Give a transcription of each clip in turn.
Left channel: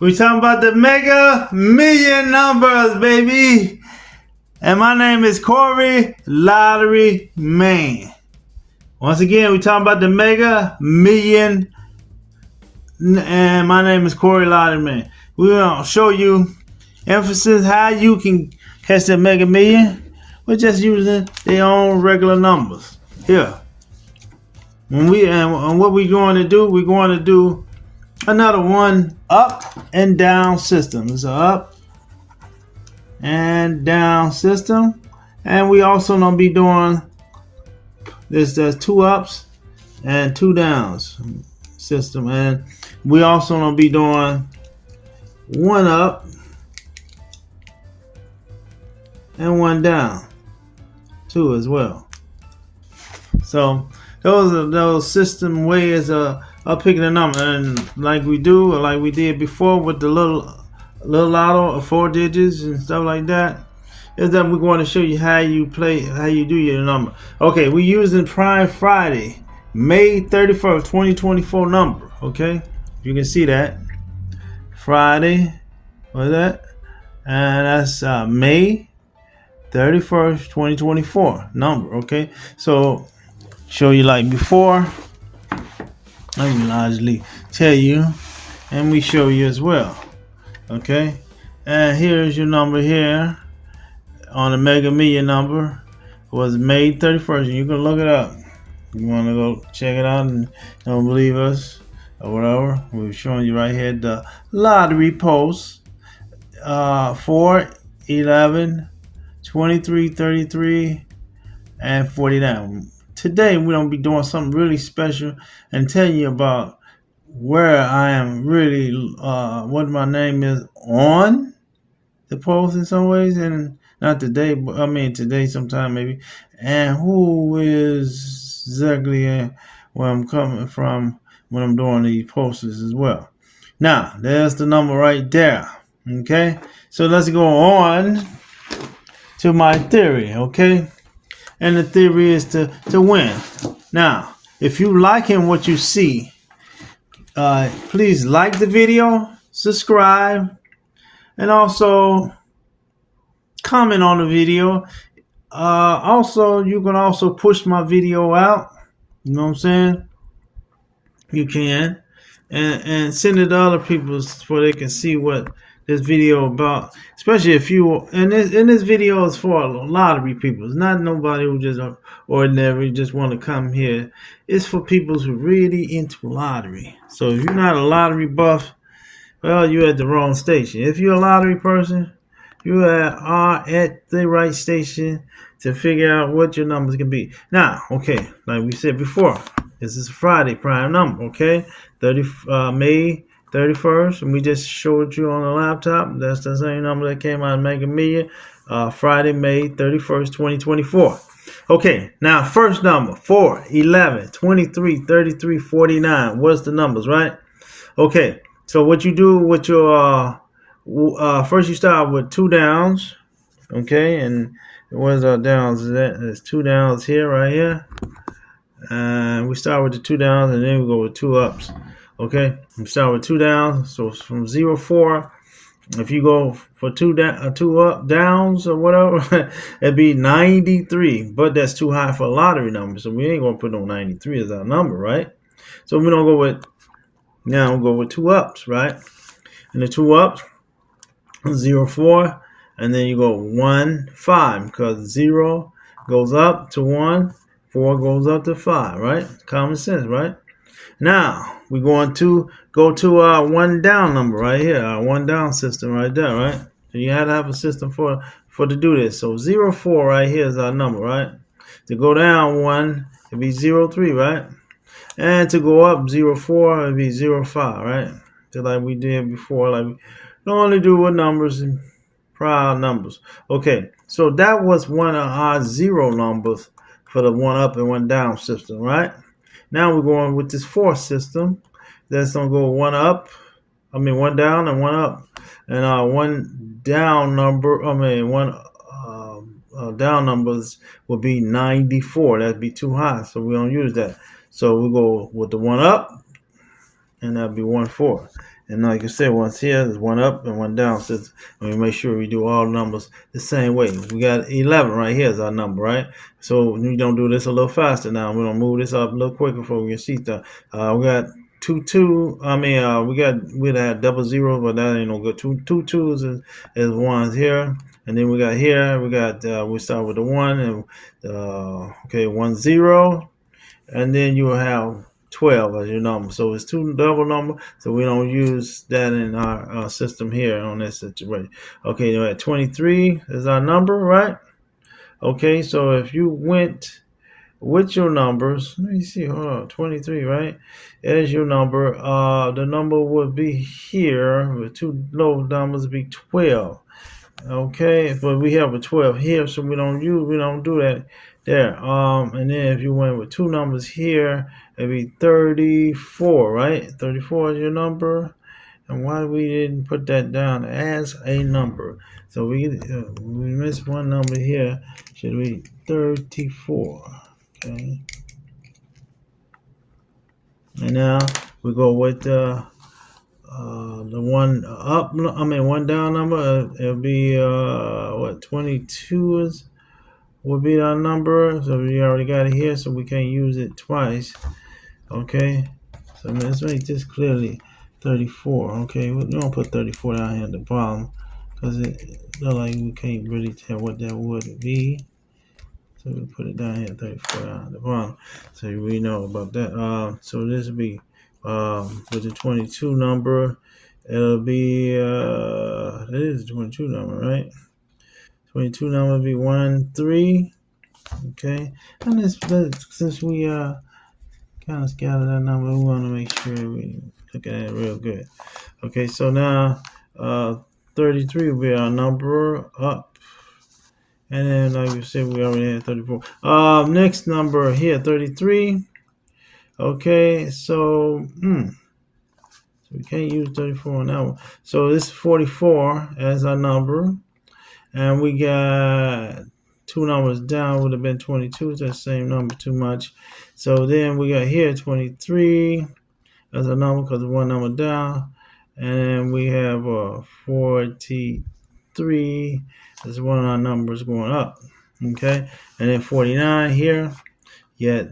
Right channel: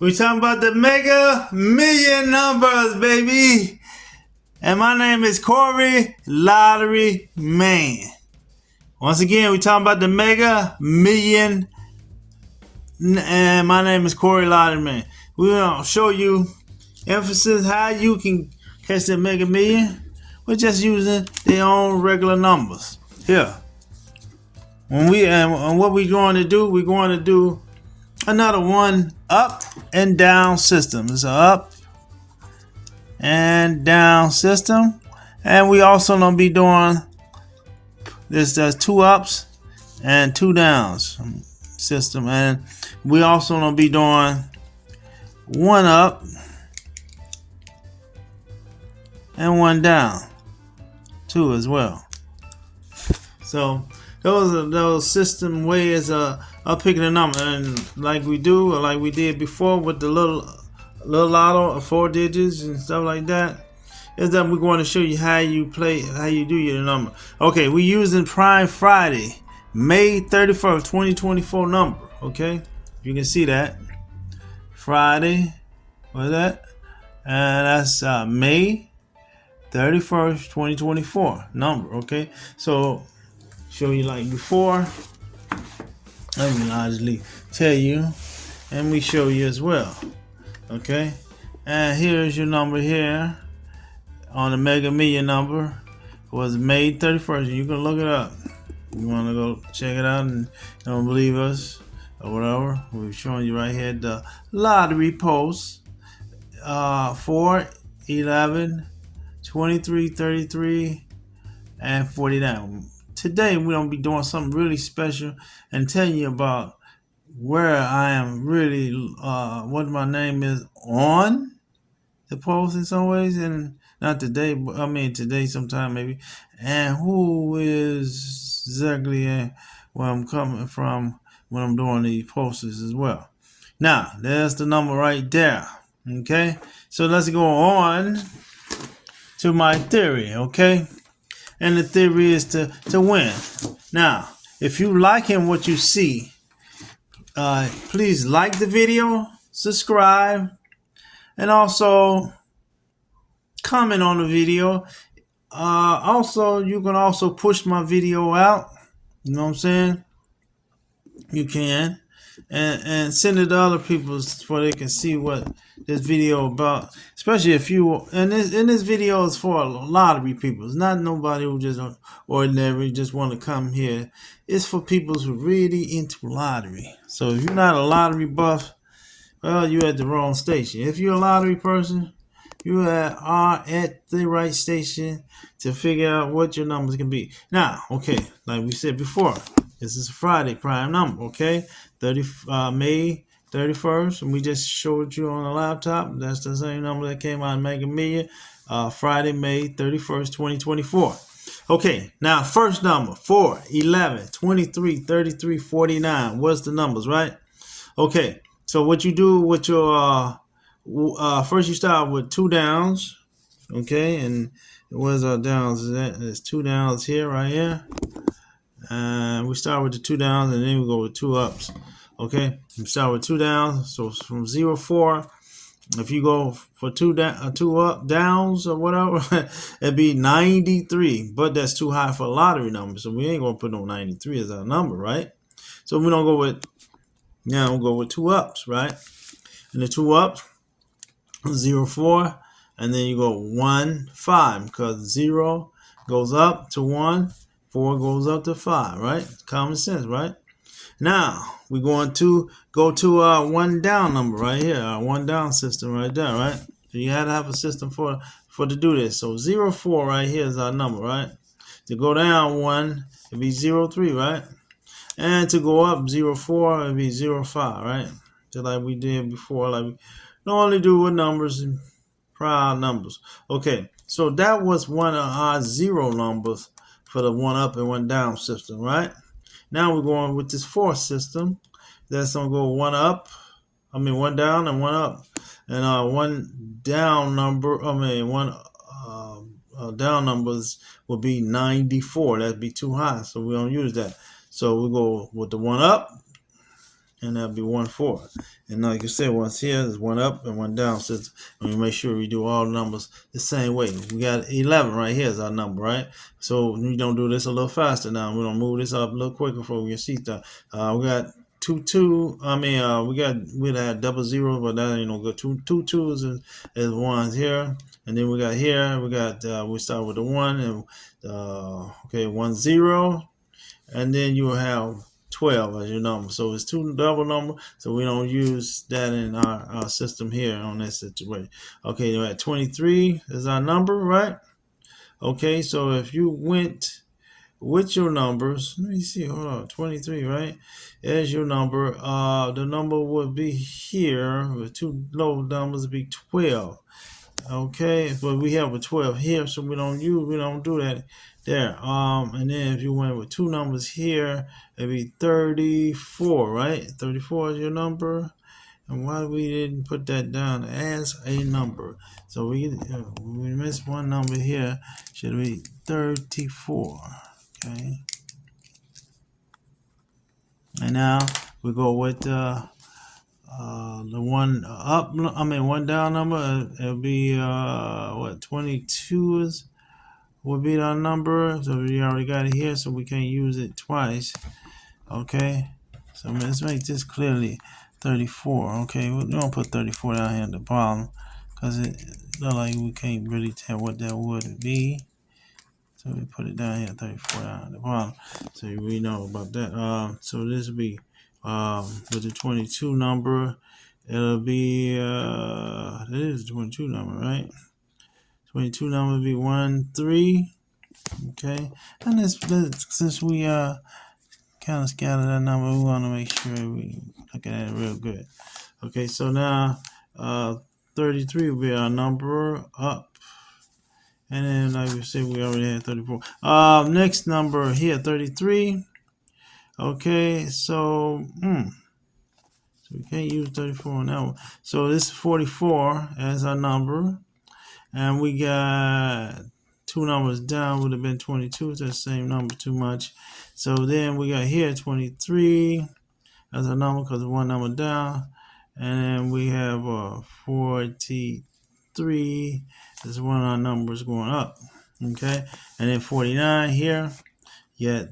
We talking about the Mega Million numbers, baby. And my name is Corey Lottery Man. Once again, we talking about the Mega Million, and my name is Corey Lottery Man. We're gonna show you emphasis how you can catch the Mega Million. We're just using their own regular numbers here. And what we're going to do, we're going to do another one up and down system. It's an up and down system, and we also gonna be doing this. There's two ups and two downs system, and we also gonna be doing one up and one down too as well. So those are those system ways of picking a number, and like we did before with the little lotto of 4 digits and stuff like that, is that we're going to show you how you do your number. Okay, we're using Prime Friday, May 31st, 2024 number. Okay, you can see that Friday, what's that? And that's May 31st, 2024 number. Okay, so show you like before. I'm gonna largely tell you, and we show you as well. Okay, and here's your number here on the Mega Million number. It was May 31st. You can look it up. You want to go check it out and don't believe us or whatever. We're showing you right here the lottery post 4, 11, 23, 33, and 49. Today we're going to be doing something really special and telling you about where I am really, what my name is on the post in some ways, and not today, but I mean today sometime maybe, and who is exactly where I'm coming from when I'm doing these posts as well. Now, there's the number right there. Okay, so let's go on to my theory. Okay, and the theory is to win. Now, if you liking what you see, please like the video, subscribe, and also comment on the video. Also, you can also push my video out. You know what I'm saying? You can, and send it to other people so they can see what this video about. Especially if you, and this video is for a lottery people. It's not nobody who just ordinary just want to come here. It's for people who really into lottery. So if you're not a lottery buff, well, you're at the wrong station. If you're a lottery person, you are at the right station to figure out what your numbers can be. Now, okay, like we said before, this is a Friday prime number, okay? May 31st, and we just showed you on the laptop. That's the same number that came out of Mega Million. Friday, May 31st, 2024. Okay, now first number, 4, 11, 23, 33, 49. What's the numbers, right? Okay, so what you do with your first you start with 2 downs, okay, and where's our downs? There's 2 downs here, right here, and we start with the 2 downs, and then we go with 2 ups. Okay, we start with 2 downs, so from 0, 4. If you go for 2 up downs or whatever, it'd be 93. But that's too high for a lottery number, so we ain't gonna put no 93 as our number, right? So we don't go with. Now we'll go with 2 ups, right? And the 2 ups, 0, 4, and then you go 1, 5, because 0 goes up to 1, 4 goes up to 5, right? Common sense, right? Now we're going to go to our 1 down number right here, our 1 down system right there, right? So you had to have a system for to do this. So 0, 4 right here is our number, right? To go down 1, it'd be 0, 3, right? And to go up 0, 4, it'd be 0, 5, right? Just like we did before, like we normally do with numbers and prime numbers. Okay, so that was one of our 0 numbers for the 1 up and 1 down system, right? Now we're going with this 4 system. That's gonna go 1 up, 1 down and 1 up, and 1 down number. 1 down numbers will be 94. That'd be too high, so we don't use that. So we go with the 1 up, and that'll be 1/4. And like you said, once here is one up and one down. So we make sure we do all numbers the same way. We got 11 right here is our number, right? So we don't do this a little faster now. We're gonna move this up a little quicker before we see that. We got two. I mean, we'd have double zero, but that ain't no good. Two twos is ones here, and then we got here. We start with the one and okay 10, and then you will have 12 as your number. So it's two double number, so we don't use that in our system here on this situation. Okay, you're at 23 is our number, right? Okay, so if you went with your numbers, let me see, hold on, 23, right? As your number, the number would be here with two low numbers would be 12. Okay, but we have a 12 here, so we don't do that there. And then if you went with two numbers here, it'd be 34, right? 34 is your number. And why we didn't put that down as a number? So we missed one number here. Should be 34. Okay. And now we go with the one up, I mean one down number. It'll be 22 would be our number. So we already got it here, so we can't use it twice. Okay, so let's make this clearly 34. Okay, we don't put 34 down here at the bottom because it look like we can't really tell what that would be. So we put it down here, 34 down at the bottom, so we know about that. So this would be with the 22 number. It'll be that is the 22 number, right? 22 number would be 1 3. Okay, and since we kind of scattered that number, we want to make sure we look at it real good. Okay, so now 33 will be our number up. And then, like we said, we already had 34. Next number here, 33. Okay, so we can't use 34 on that one. So this is 44 as our number. And we got two numbers down, would have been 22. It's the same number too much. So then we got here 23 as a number because one number down. And then we have 43 as one of our numbers going up. Okay, and then 49 here. Yet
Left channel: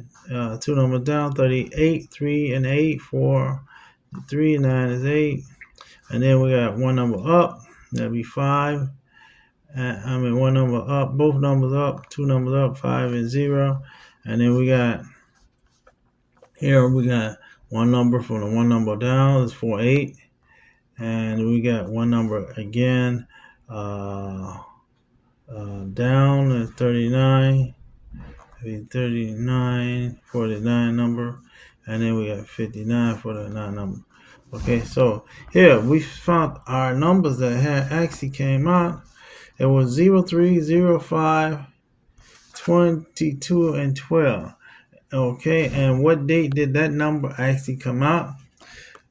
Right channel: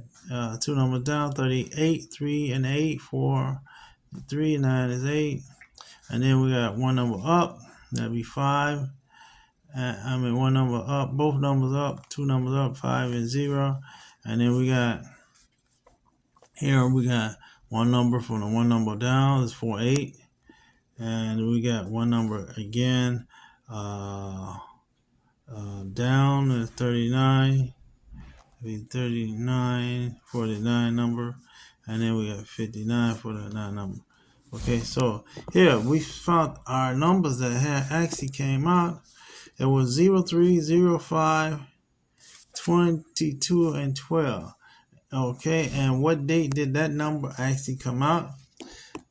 two numbers down, 38, 3 and 8, 4, 3, 9 is 8. And then we got one number up, that'd be 5. One number up, both numbers up, two numbers up, 5 and 0. And then we got here, we got one number from the one number down, is 4, 8. And we got one number again down is 39. 39 for the 9 number, and then we got 59 for the 9 number. Okay, so here we found our numbers that had actually came out. It was 0, 3, 0, 5, 22, and 12. Okay, and what date did that number actually come out?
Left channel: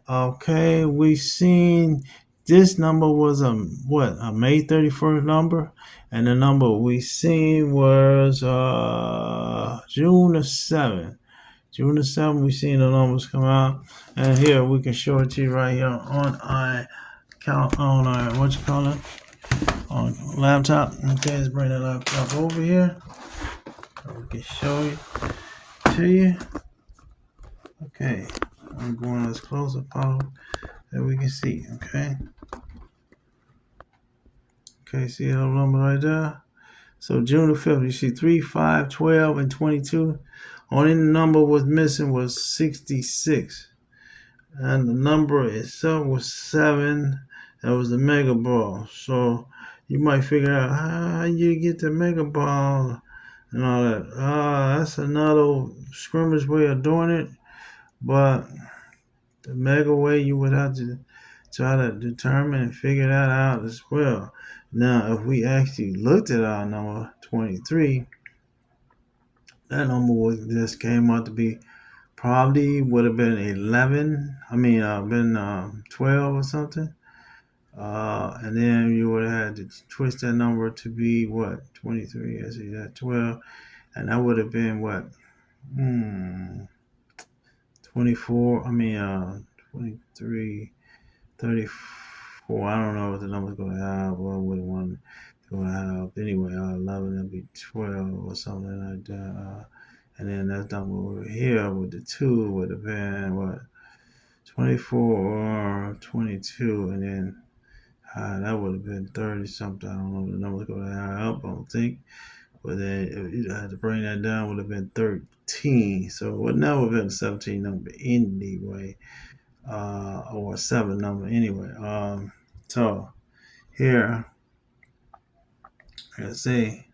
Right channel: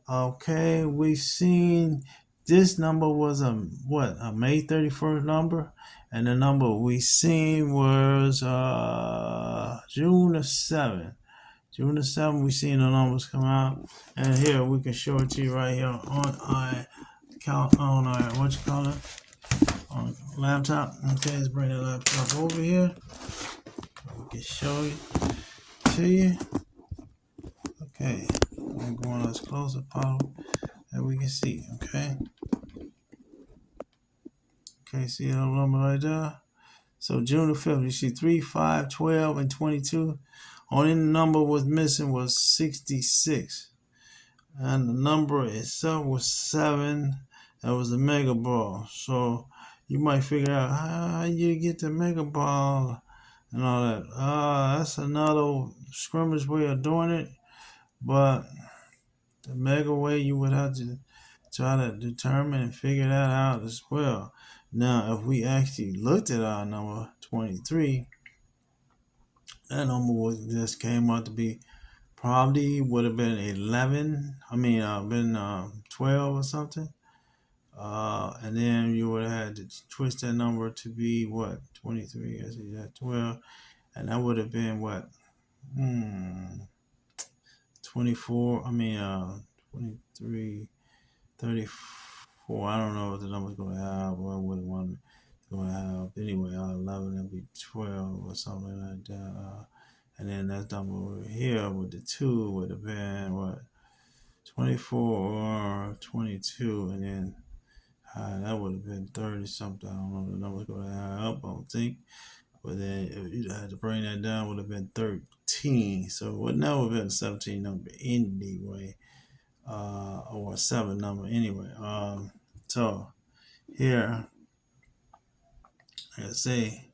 Okay, we seen this number was a May 31st number, and the number we seen was June the 7th. June the 7th, we seen the numbers come out, and here we can show it to you right here on our count on our on laptop. Okay, let's bring the laptop over here. We can show it to you. Okay, I'm going as close as possible that we can see. Okay. Okay, see that number right there? So June the 5th, you see 3, 5, 12, and 22. Only number was missing was 66. And the number itself was 7. That was the mega ball. So you might figure out how you get the mega ball and all that. That's another scrimmage way of doing it. But the mega way, you would have to try to determine and figure that out as well. Now, if we actually looked at our number 23, that number just came out to be probably would have been 11. Been 12 or something. And then you would have had to twist that number to be what? 23. I see that 12, and that would have been what? 24. 23, 34. I don't know what the number's going to have. Well, what one going to have. Anyway, 11 will be 12 or something like that. And then that number over here with the 2 would have been, what, 24 or 22. And then that would have been 30 something. I don't know the number's going to add up, I don't think. But then if you had to bring that down, would have been 13. So it would never have been a 17 number anyway. Or a 7 number anyway. So here, let's see.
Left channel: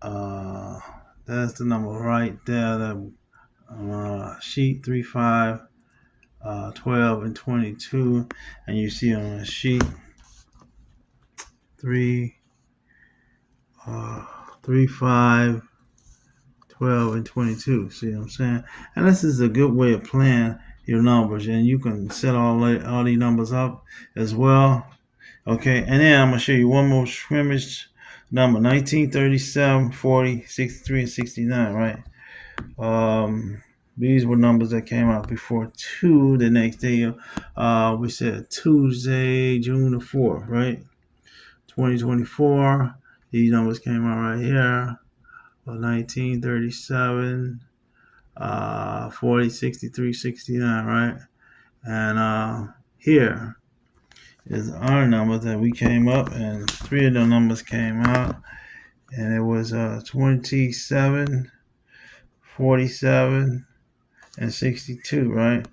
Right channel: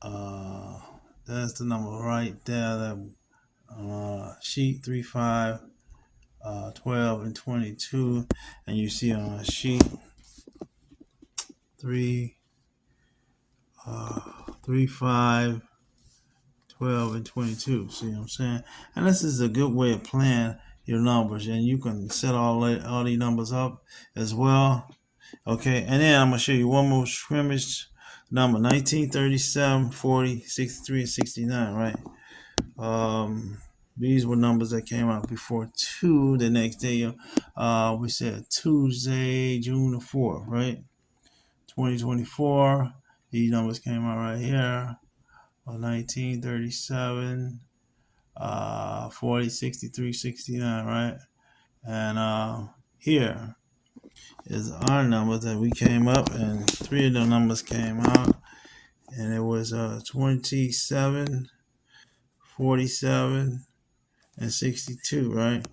That's the number right there. The sheet 3, 5, 12, and 22. And you see on sheet 3, 5, 12, and 22. See what I'm saying? And this is a good way of playing your numbers, and you can set all these numbers up as well. Okay, and then I'm gonna show you one more scrimmage number: 19, 37, 40, 63, and 69. Right? These were numbers that came out before 2 the next day. We said Tuesday, June the 4th, right? 2024. These numbers came out right here. 19, 37, 40, 63, 69, right? And here is our numbers that we came up, and 3 of the numbers came out, and it was 27, 47, and 62, right?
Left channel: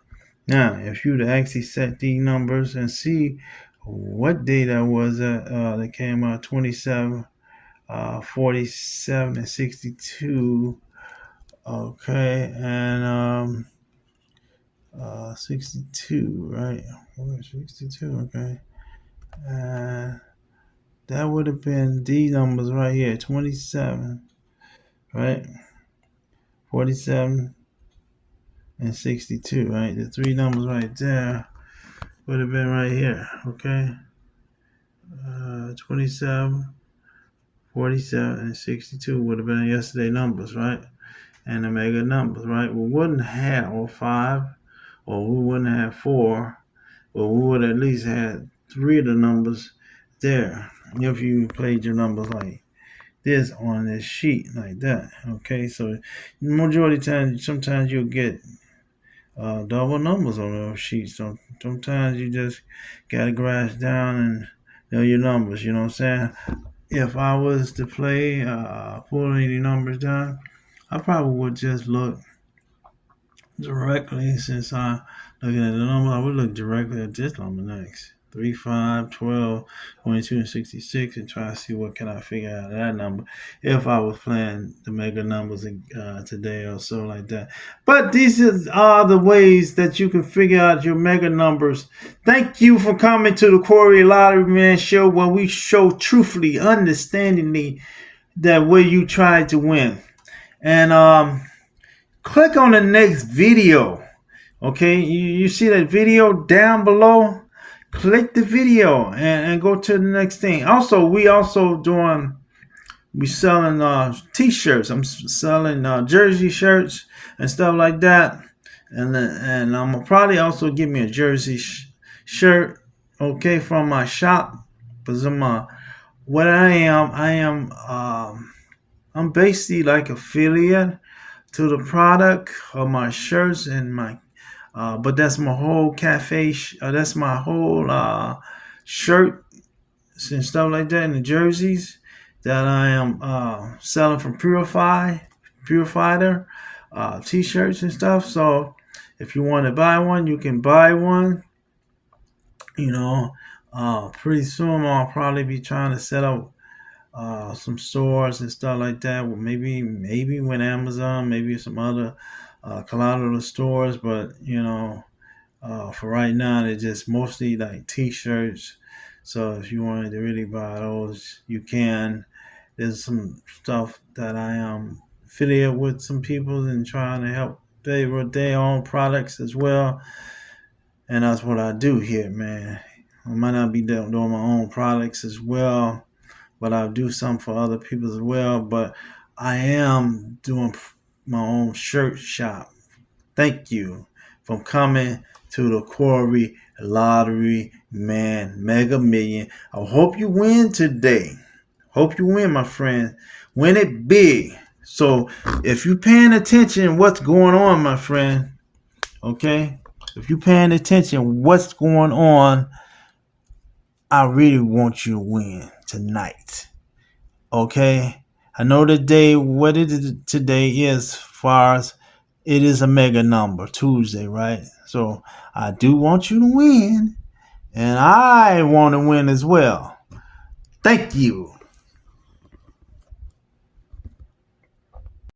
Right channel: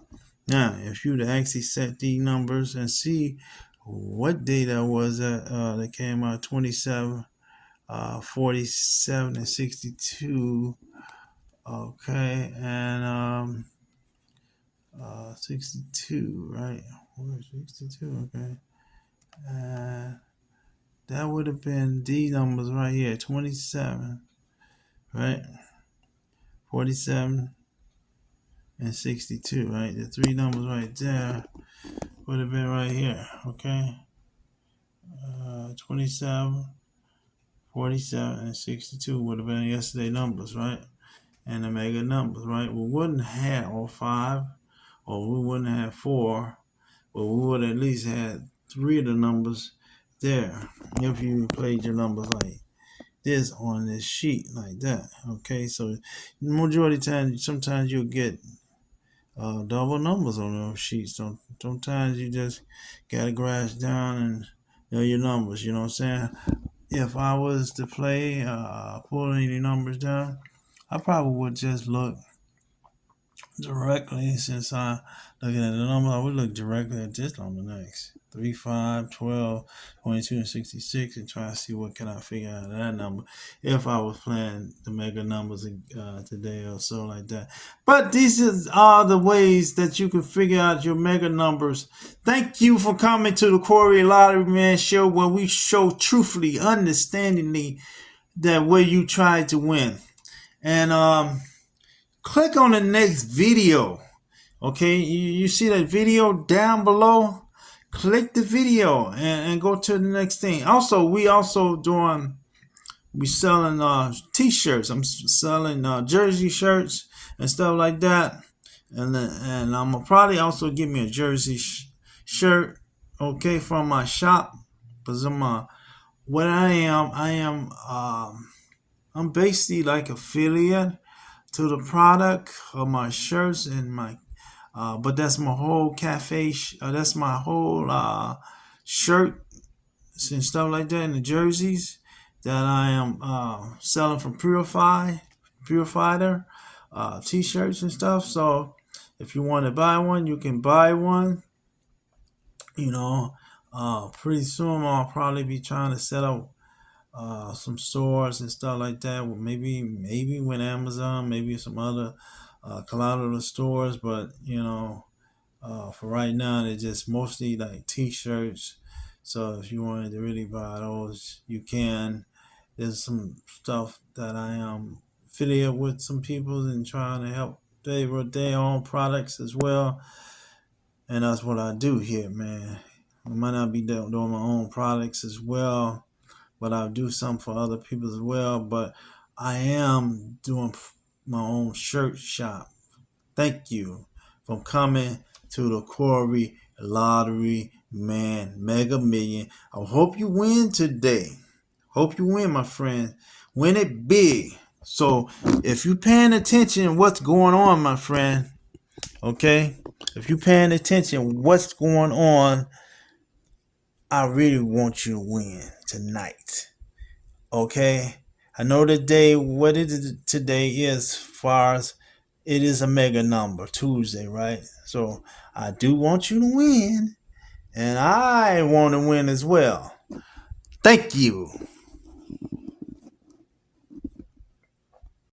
Now, if you'd actually set these numbers and see what day that was that came out, 27, 47, and 62. Okay, and 62, right? 62, okay. That would have been these numbers right here, 27, right? 47 and 62, right? The 3 numbers right there would have been right here, okay? 27, 47, and 62 would have been yesterday's numbers, right? And the mega numbers, right? We wouldn't have all 5, or we wouldn't have 4, but we would at least have 3 of the numbers there if you played your numbers like this on this sheet like that. Okay, so majority of the time, sometimes you'll get double numbers on those sheets. So sometimes you just gotta grasp down and know your numbers. You know what I'm saying? If I was to play, pull any numbers down, I probably would just look directly, since I'm looking at the number, I would look directly at this number next. 3, 5, 12, 22, and 66, and try to see what can I figure out of that number if I was playing the mega numbers today or so like that. But these are the ways that you can figure out your mega numbers. Thank you for coming to the Corey Lottery Man Show, where we show truthfully, understandingly, that way you try to win. And click on the next video. Okay, you see that video down below? Click the video and go to the next thing. Also, we selling t-shirts. I'm selling jersey shirts and stuff like that. And I'm gonna probably also give me a jersey shirt, okay, from my shop. Because I'm basically like affiliate to the product of my shirts and my but that's my whole cafe that's my whole shirt and stuff like that, and the jerseys that I am selling from Purifier t-shirts and stuff. So if you want to buy one, you can buy one. You know, pretty soon I'll probably be trying to set up some stores and stuff like that. Well, maybe with Amazon, maybe some other collateral stores, but for right now, they're just mostly like t-shirts. So if you wanted to really buy those, you can. There's some stuff that I am affiliate with some people and trying to help with their own products as well. And that's what I do here, man. I might not be doing my own products as well, but I'll do some for other people as well. But I am doing my own shirt shop. Thank you for coming to the Corey Lottery Man Mega Million. I hope you win today. Hope you win, my friend. Win it big. So if you're paying attention what's going on, my friend, okay? If you're paying attention what's going on, I really want you to win tonight. Okay? I know today, what it is today is, as far as it is a mega number, Tuesday, right? So I do want you to win, and I want to win as well. Thank you.